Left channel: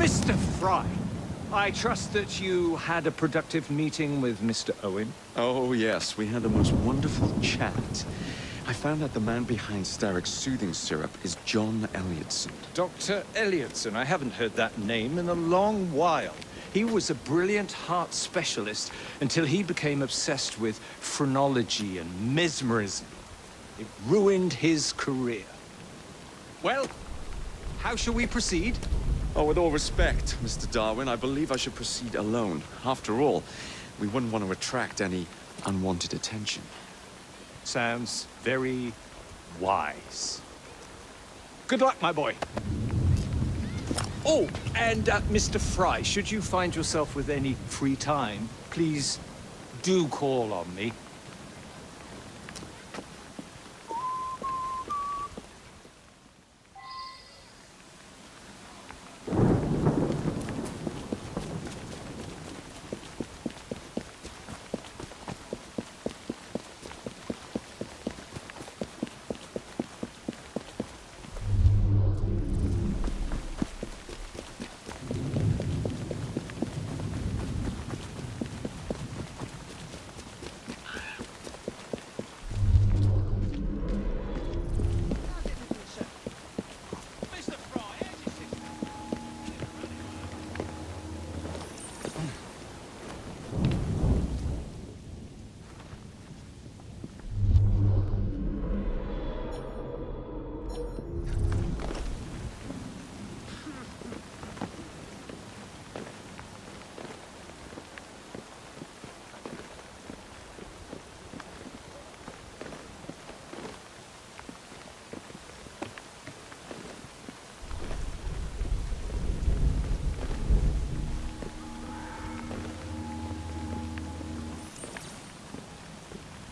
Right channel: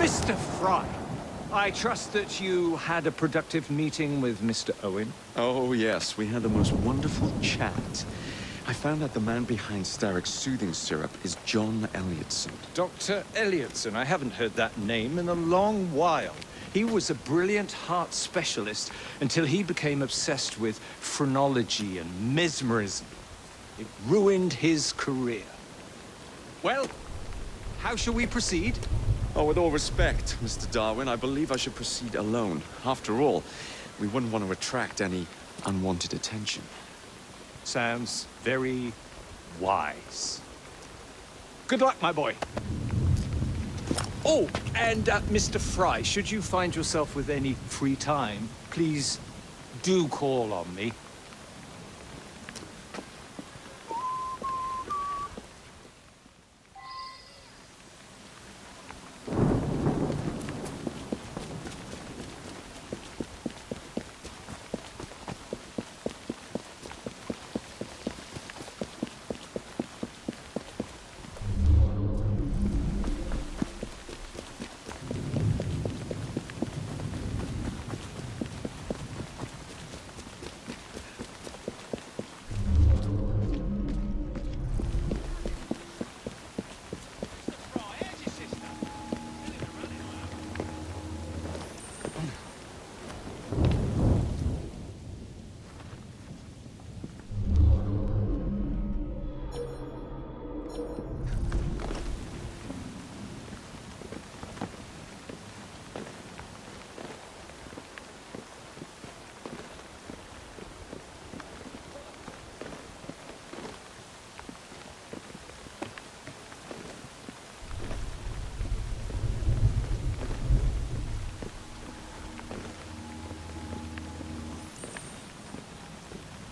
Mr. Fry, I trust that you had a productive meeting with Mr. Owen. Oh, yes, we had the most wonderful chat. I found out the man behind Starrick's soothing syrup is John Elliotson. Dr. Elliotson, I haven't heard that name in a long while. He was a brilliant heart specialist until he became obsessed with phrenology and mesmerism. It ruined his career. Well, how shall we proceed? Oh, with all respect, Mr. Darwin, I believe I should proceed alone. After all, we wouldn't want to attract any unwanted attention. Sounds very wise. Good luck, my boy. Oh, and Mr. Fry, should you find yourself with any free time, please do call on me.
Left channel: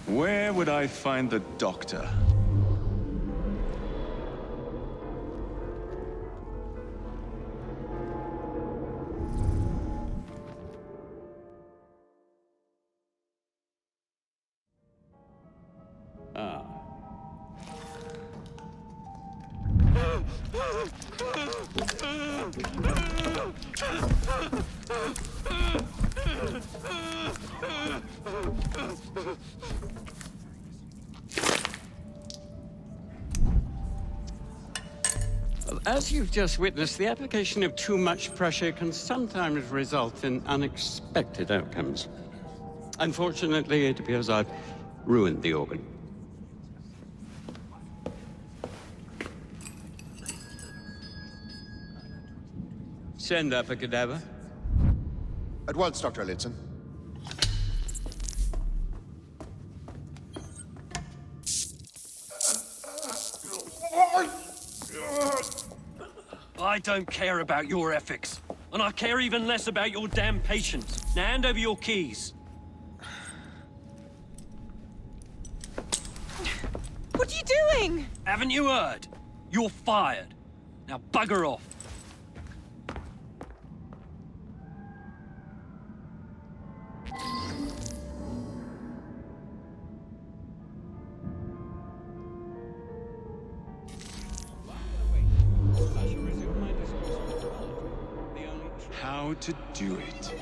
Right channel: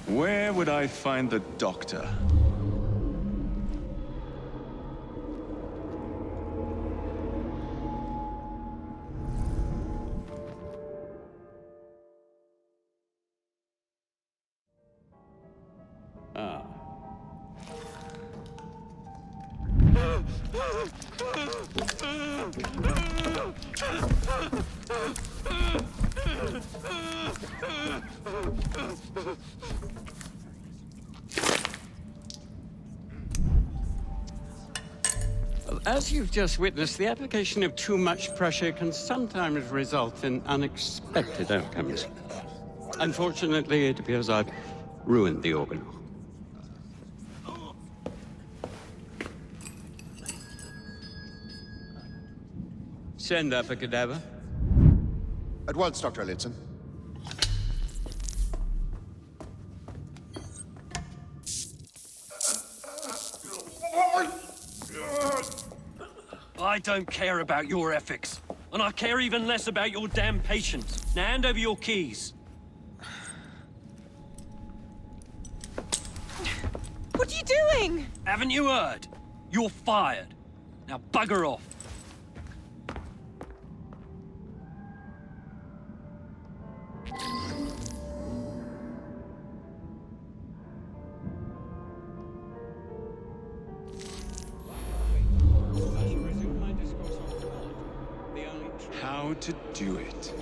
Where would I find the doctor? Ah. As you've just witnessed, the application of too much pressure can sometimes result in unexpected outcomes. Unfortunately, it appears I've ruined the organ. Send up a cadaver. At once, Dr. Elliotson. I don't care about your ethics. And I care even less about your damn patience. Now hand over your keys. What are you doing? Haven't you heard? You're fired. Now bugger off. How to do it.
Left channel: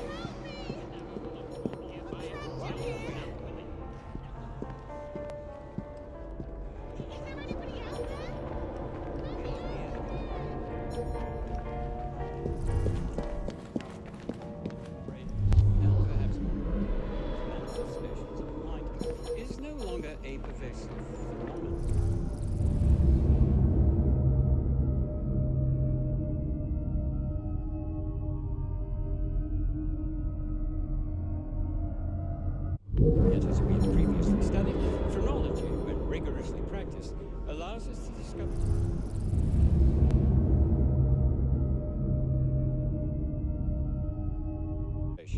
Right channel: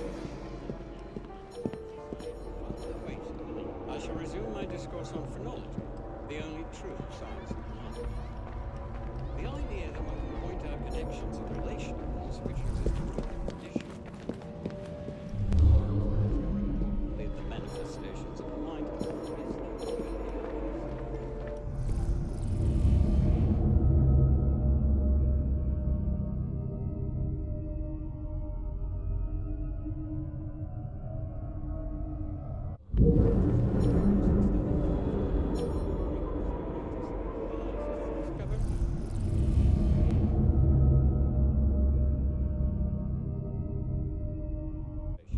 As we previously studied, phrenology, when rigorously practiced, allows us to discover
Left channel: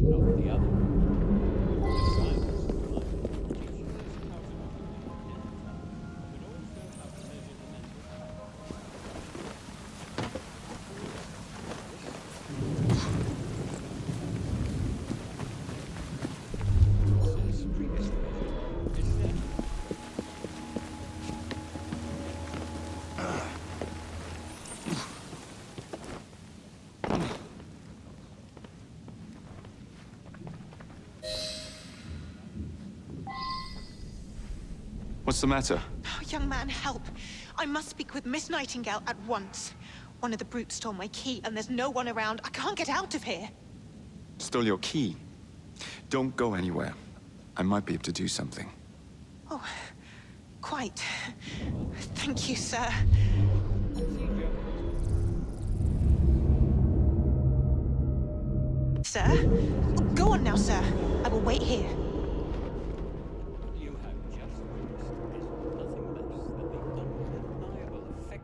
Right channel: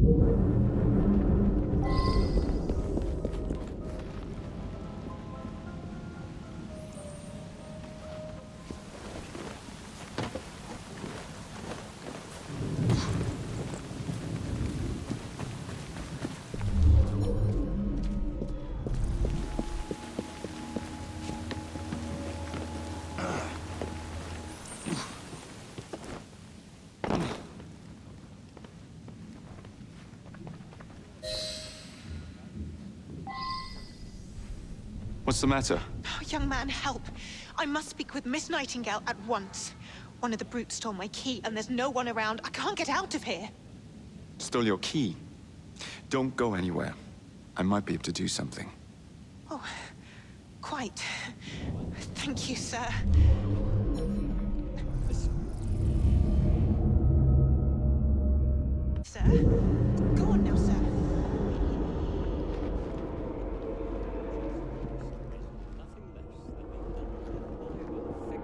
of the other. What's the matter? Oh, young man, help. I must speak with Miss Nightingale at once. One of the brutes stole my key, and there's no one around. I can't get out of here. Stole your key? Don't go anywhere. I might be able to do something. Oh, quite. Thank you, sir. Sir? Go on now, sir. I will wait here.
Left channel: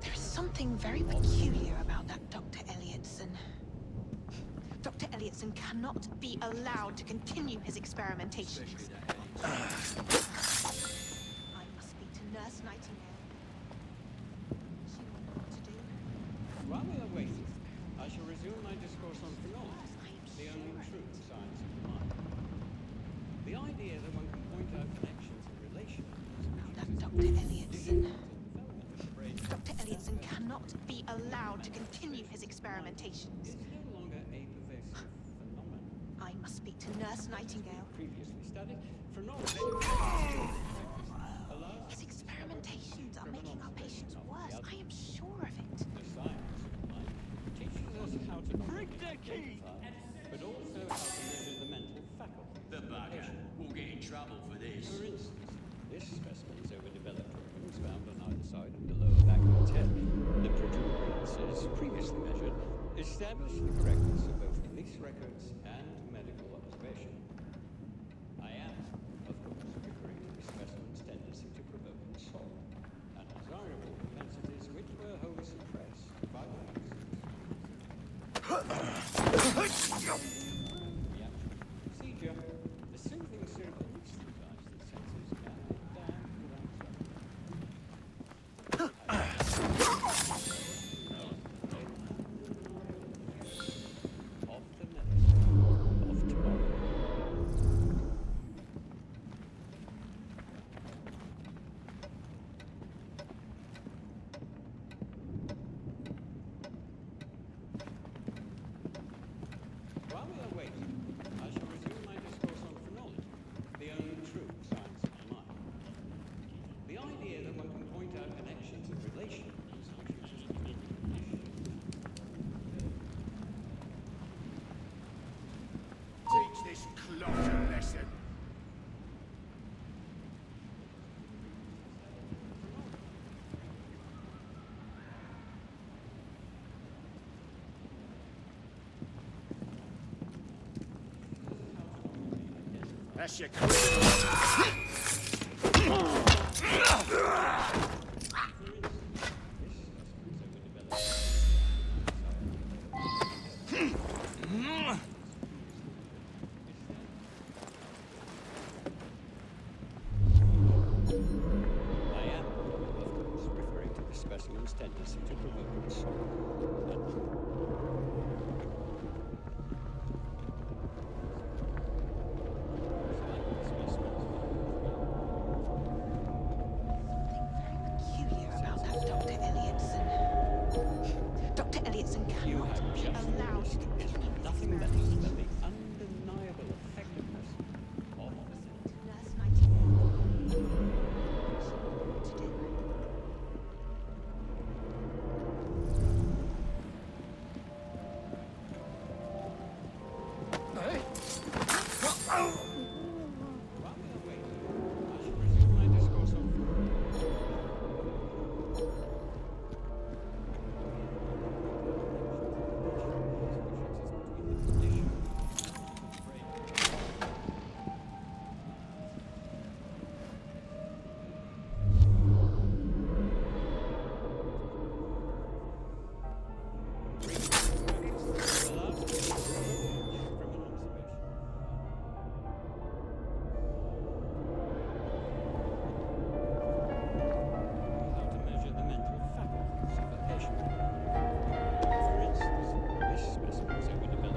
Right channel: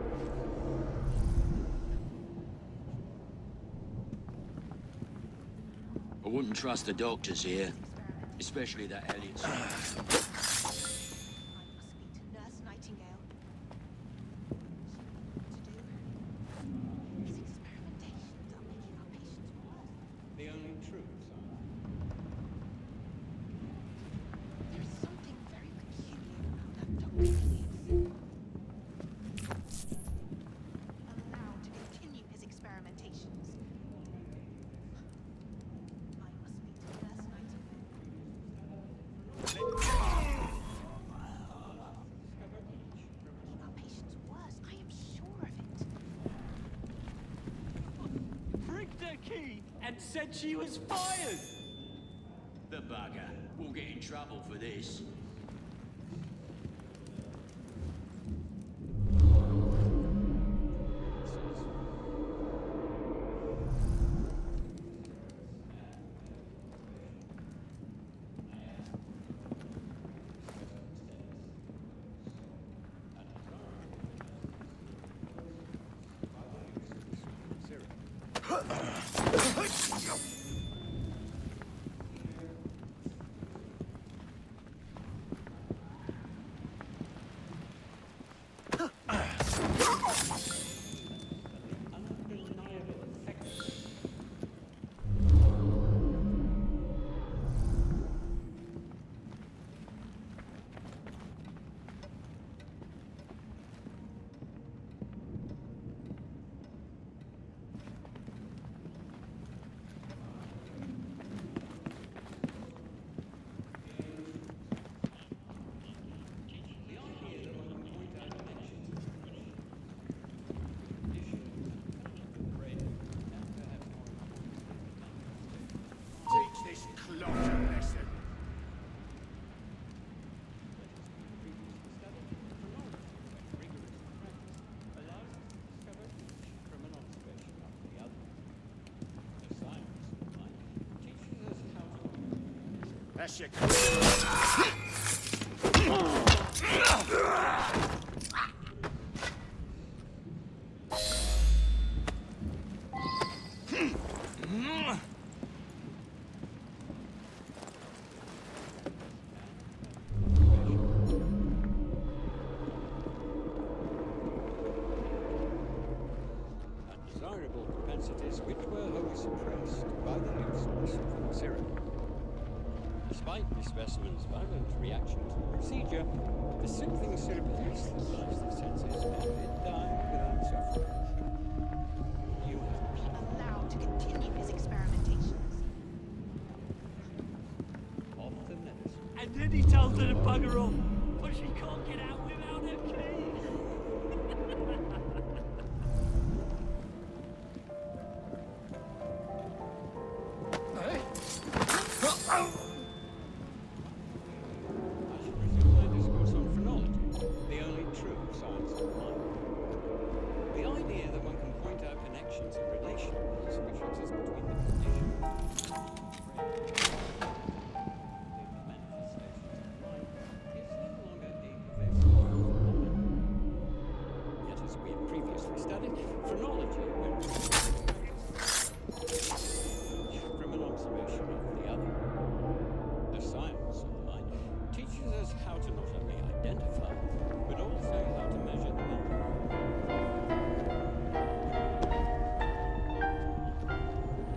There's something very peculiar about that Dr. Elliotson. Dr. Elliotson cannot be I wouldn't trust the allowed to doctors continue here, his experimentation. especially that Elliot's. I must speak to Nurse Nightingale. She will know what to do. I shall resume my discourse on philosophy, the only true science of mind. The idea that one can point out connections and relationships. That Dr. Elliotson. Dr. Elliotson cannot be allowed to continue his experimentations. I must speak to Nurse Nightingale. His experimentations are making our patients worse. I am sure of it. Rigged her key and said she was fired. The bugger. We'll get in trouble for this. The protuberances previously measured established the correctness of both police records and medical observation. I am, of course, referring to specimen's tendency to provoke assault, and desirable entities which were wholly suppressed by the use of the serum. Procedure. The simple serum. The idea that one can point out connections and relations. Teach this clot a lesson. That's your criminal. Despite the specimen's violent reaction to the procedure, the soothing syrup Dr. Elliotson cannot be allowed to continue his experimentation. undeniable effectiveness of the net. And then he tells her to bugger off. But she can't get out without her key. I shall resume my discourse on phrenology, the only true science of mind. The idea that one can point out connections and relations which exist between the condition of the brain and the Yet, as we had previously studied, phrenology, when practiced, allows us to distinguish from an observation of the other. The science of mind teaches us how to not only identify, but also how to measure the mental faculties of the patient. For instance, this specimen's epidermal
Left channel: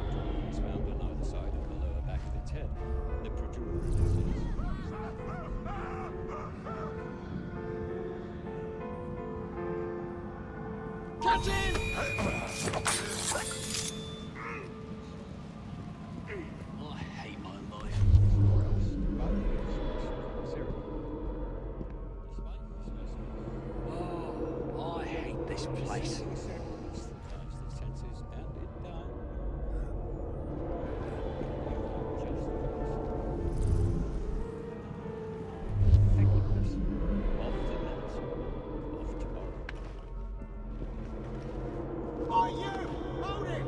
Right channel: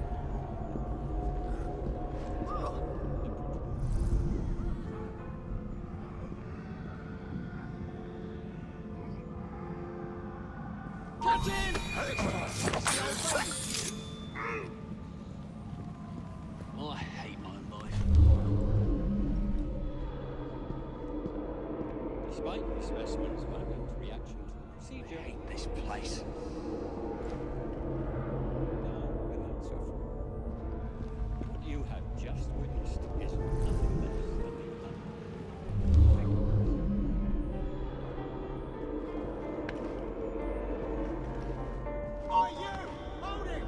is found on either side of the lower back of the tail, the protuberances. Catch him! I hate my life. place. Are you? Hold it!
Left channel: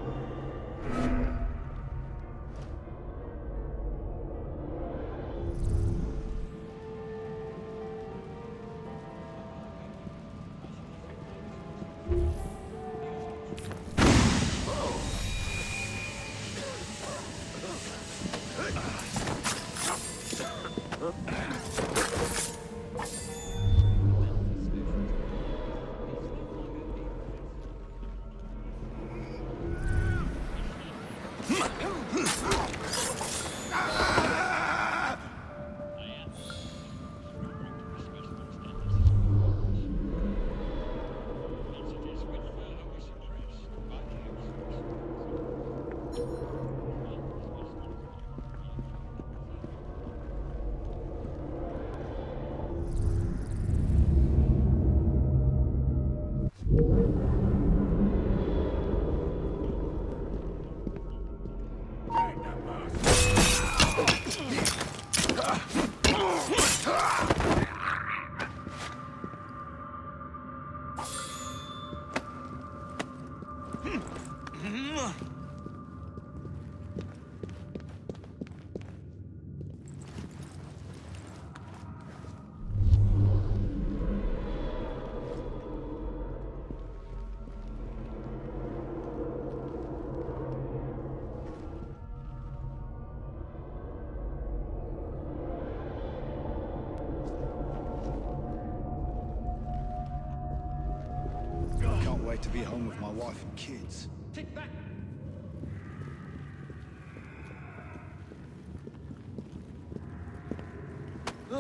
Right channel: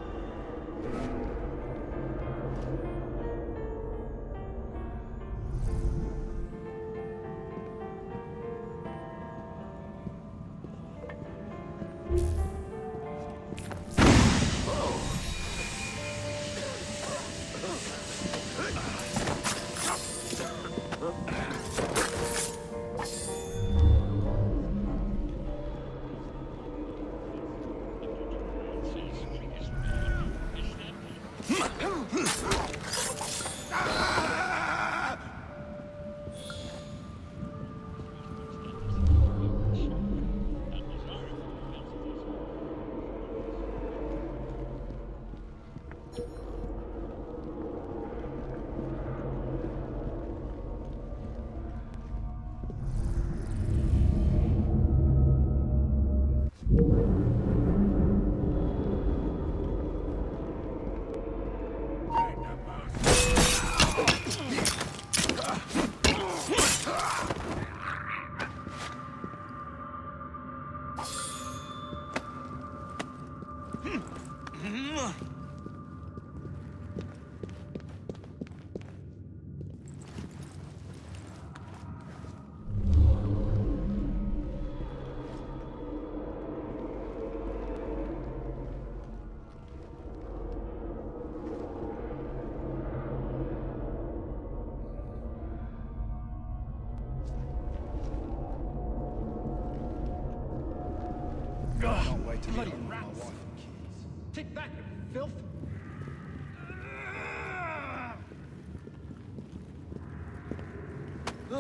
Can't wait to be home with my wife and kids. Kick back, filth!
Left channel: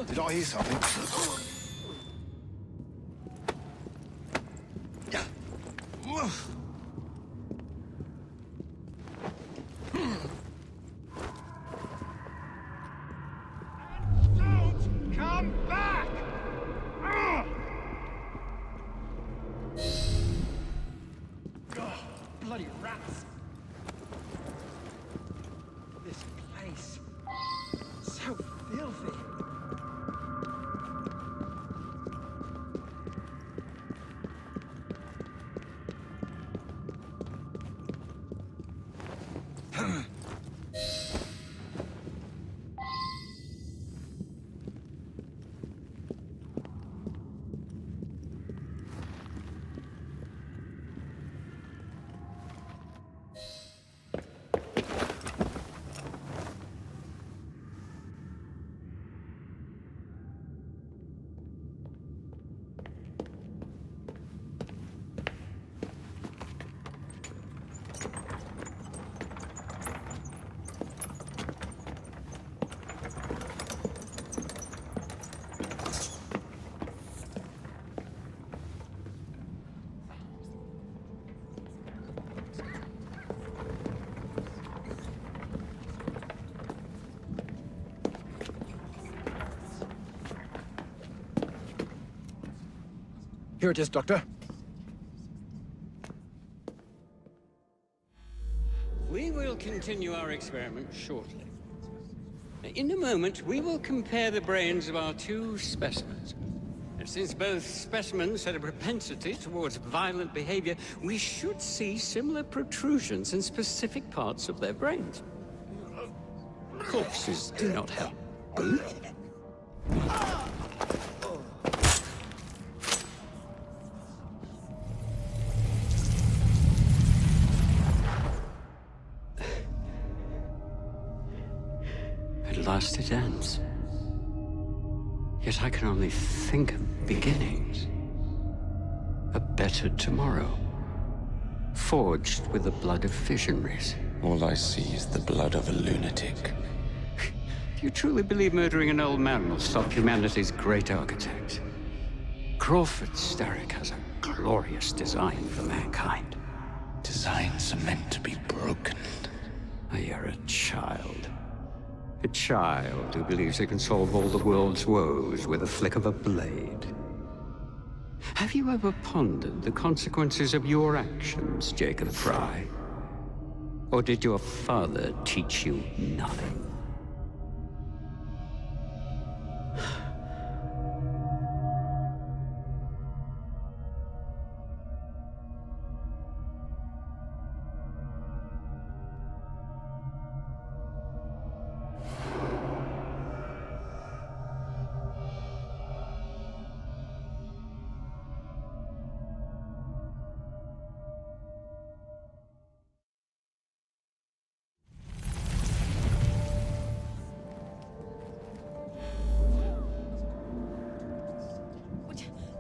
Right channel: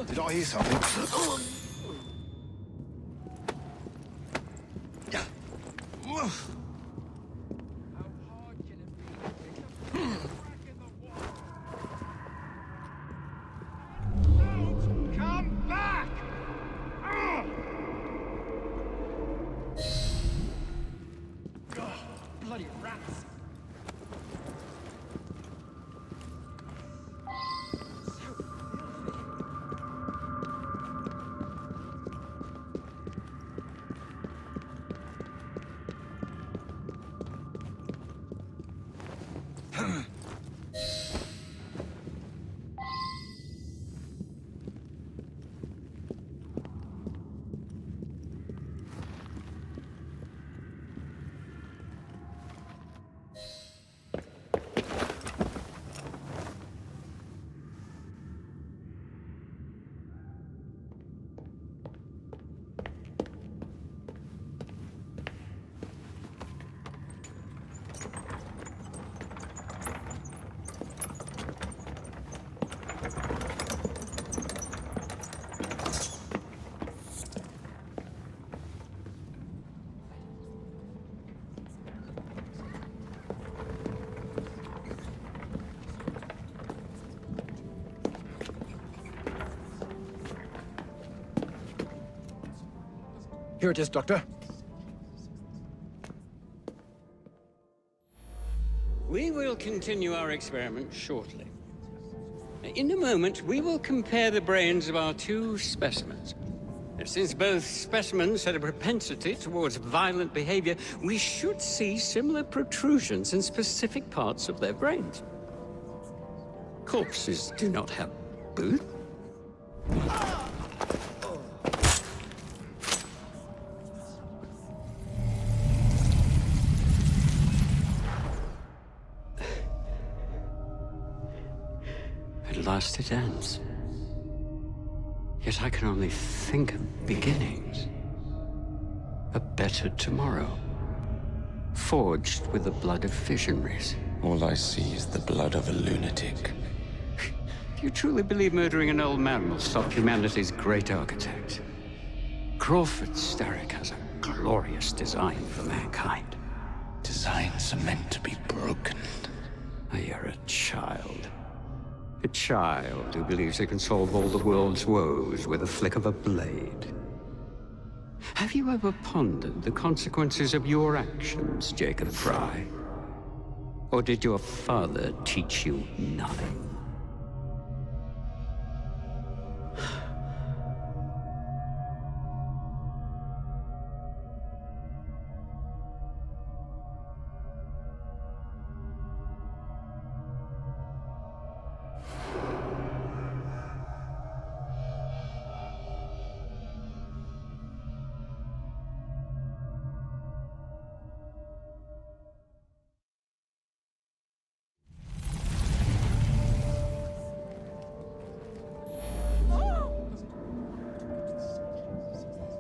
Did I hear something? Don't come back! Bloody rats! This place. So filthy. Here it is, Doctor. We will continue our experiment shortly. In a moment, we will compare the brains of our two specimens. Since both specimens had a propensity towards violent behavior, we should see similar protrusions in specific parts of their brains. Corpses do not help. Boo? At last it ends. Yet I can only think of beginnings. A better tomorrow. Forged with the blood of visionaries. All I see is the blood of a lunatic. Do you truly believe murdering an old man will stop humanity's great architect? Crawford Starrick has a glorious design for mankind. Designs are meant to be broken. You're a child. A child who believes it can solve all the world's woes with a flick of a blade. Have you ever pondered the consequences of your actions, Jacob Fry? Or did your father teach you nothing?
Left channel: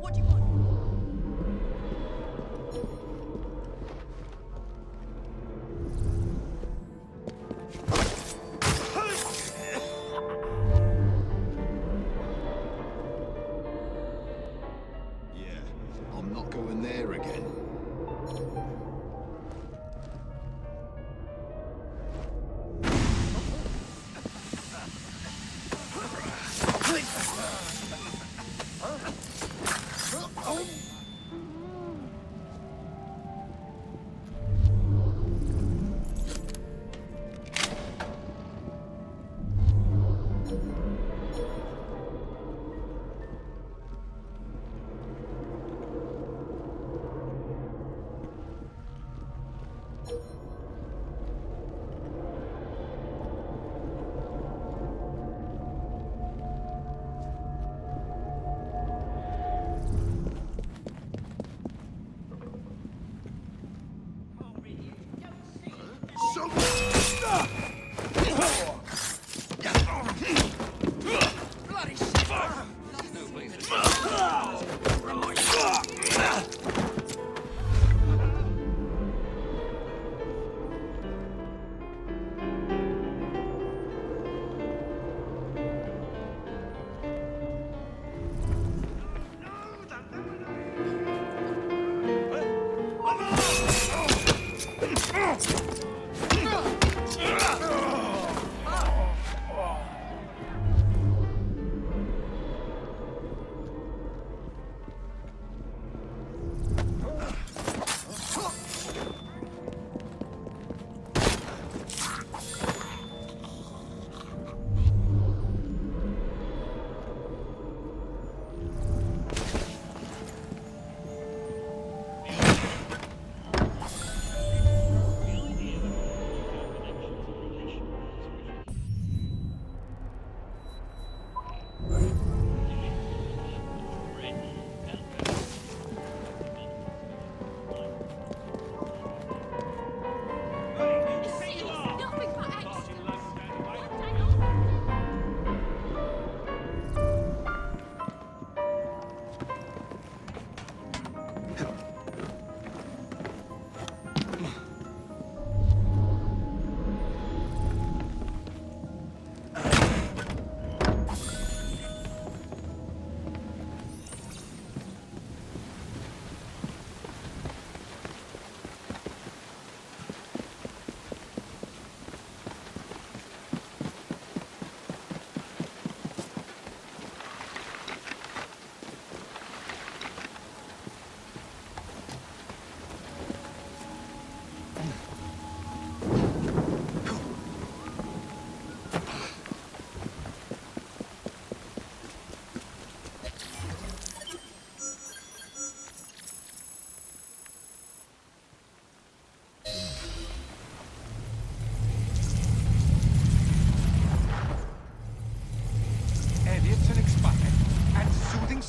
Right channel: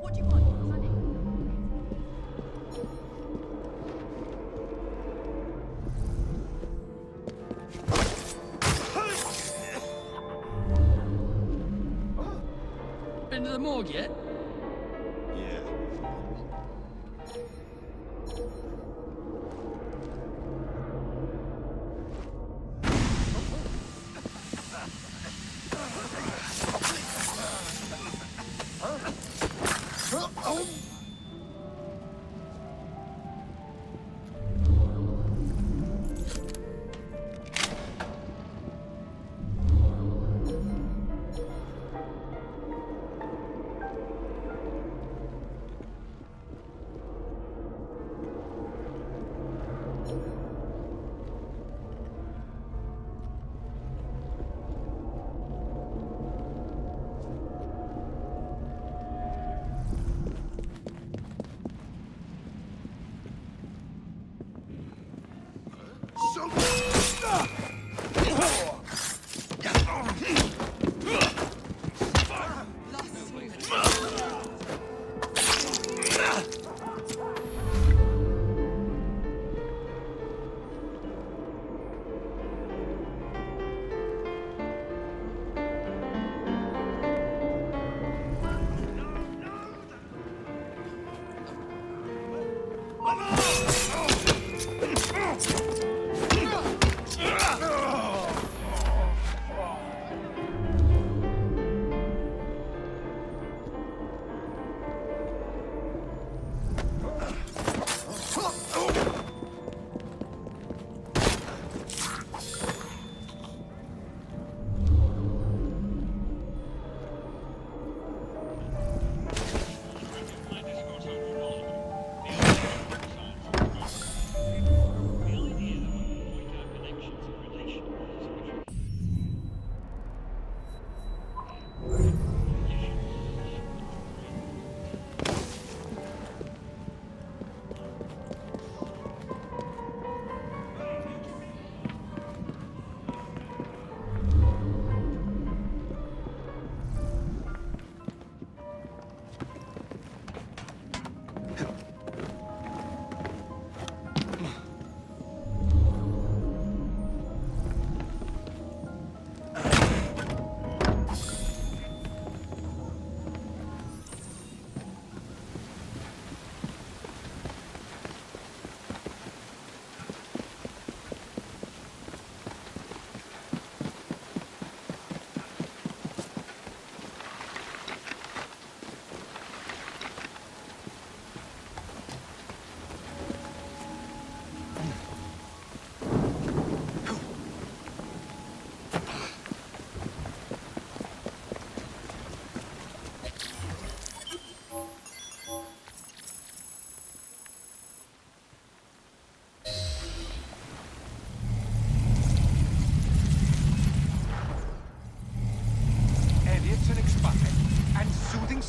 What do you want? Been to the morgue yet? Yeah, I'm not going there again.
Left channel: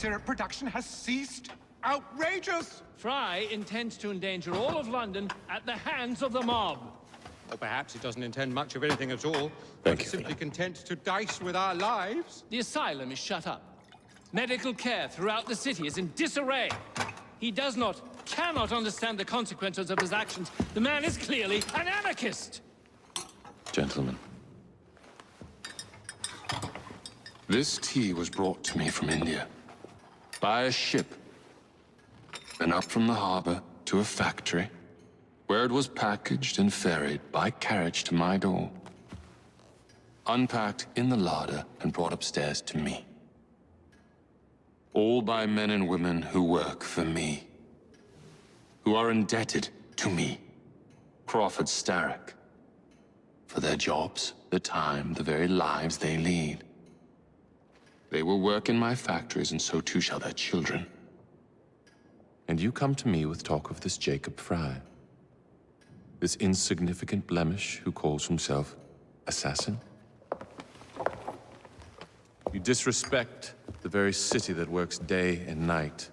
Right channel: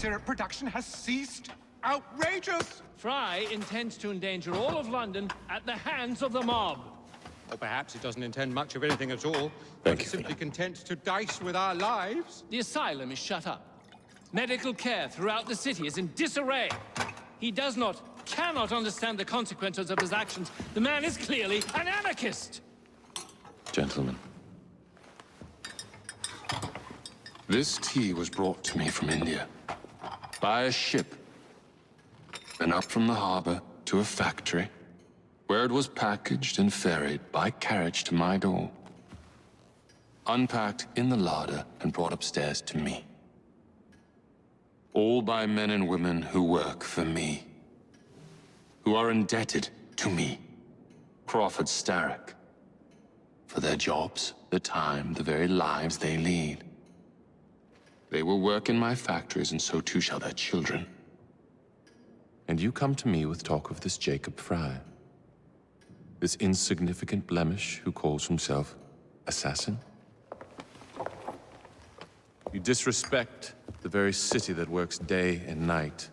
syrup production has ceased? Outrageous! Fry intends to endanger all of London at the hands of the mob. Or perhaps he doesn't intend much of anything at all. Thank but you, is simply Finit. content to dice with our lives. The asylum is shut up. Medical care throughout the city is in disarray. He cannot understand the consequences of his actions. The man is clearly an anarchist! Gentlemen. This tea was brought to me from India. By a ship. Then up from the harbor to a factory, where it was packaged and ferried by carriage to my door. Unpacked in the larder and brought upstairs to me. all by men and women who work for me, who are indebted to me, Crawford Starrick, for their jobs, the time, the very lives they lead. They will work in my factories, and so too shall their children. And you come to me with talk of this Jacob Fry, this insignificant blemish who calls himself assassin? You disrespect the very city that works day and night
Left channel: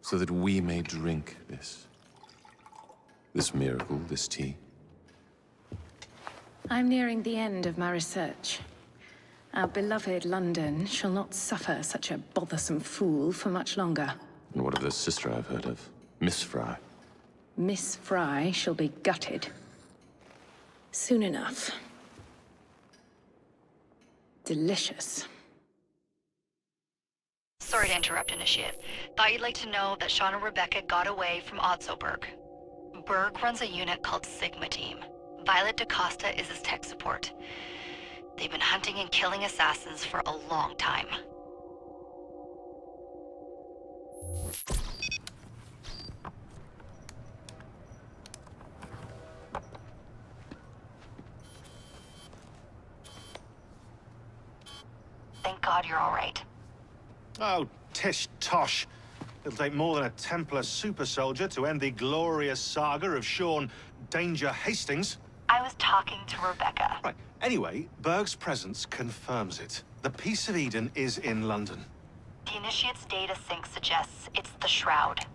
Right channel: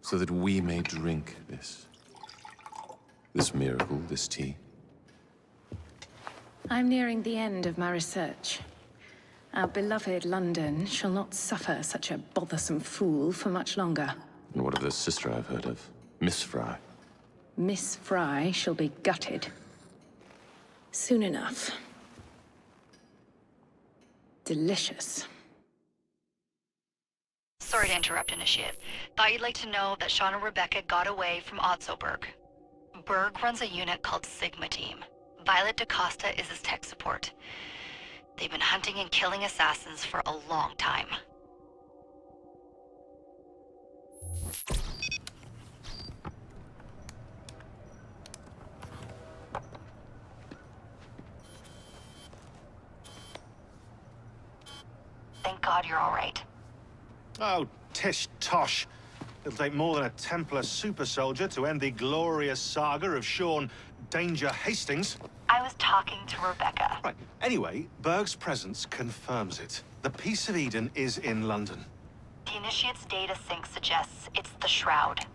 so that we may drink this miracle, this tea. I'm nearing the end of my research. Our beloved London shall not suffer such a bothersome fool for much longer. And what of the sister I've heard of, Miss Fry? Miss Fry shall be gutted. Soon enough. Delicious. Sorry to interrupt, Initiate. Thought you'd like to know that Sean and Rebecca got away from Otzoberg. Berg runs a unit called Sigma Team. Violet DaCosta is his tech support. They've been hunting and killing assassins for a long time. Thank God you're all right. Oh, tish tosh. It'll take more than a Templar super soldier to end the glorious saga of Sean Danger Hastings. I was talking to Rebecca. Right. Anyway, Berg's presence confirms it. The Peace of Eden is in London. The Initiate's data sync suggests it's the Shroud.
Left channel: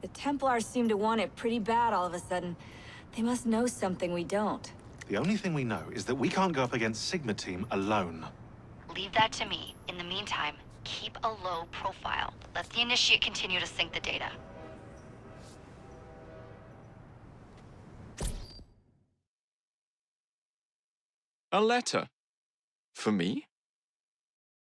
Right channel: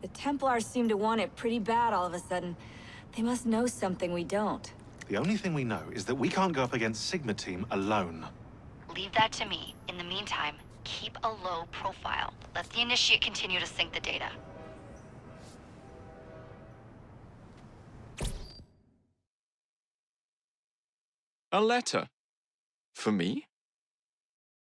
The Templars seem to want it pretty bad all of a sudden. They must know something we don't. The only thing we know is that we can't go up against Sigma Team alone. Leave that to me. In the meantime, keep a low profile. Let the Initiate continue to sync the data. A letter? For me?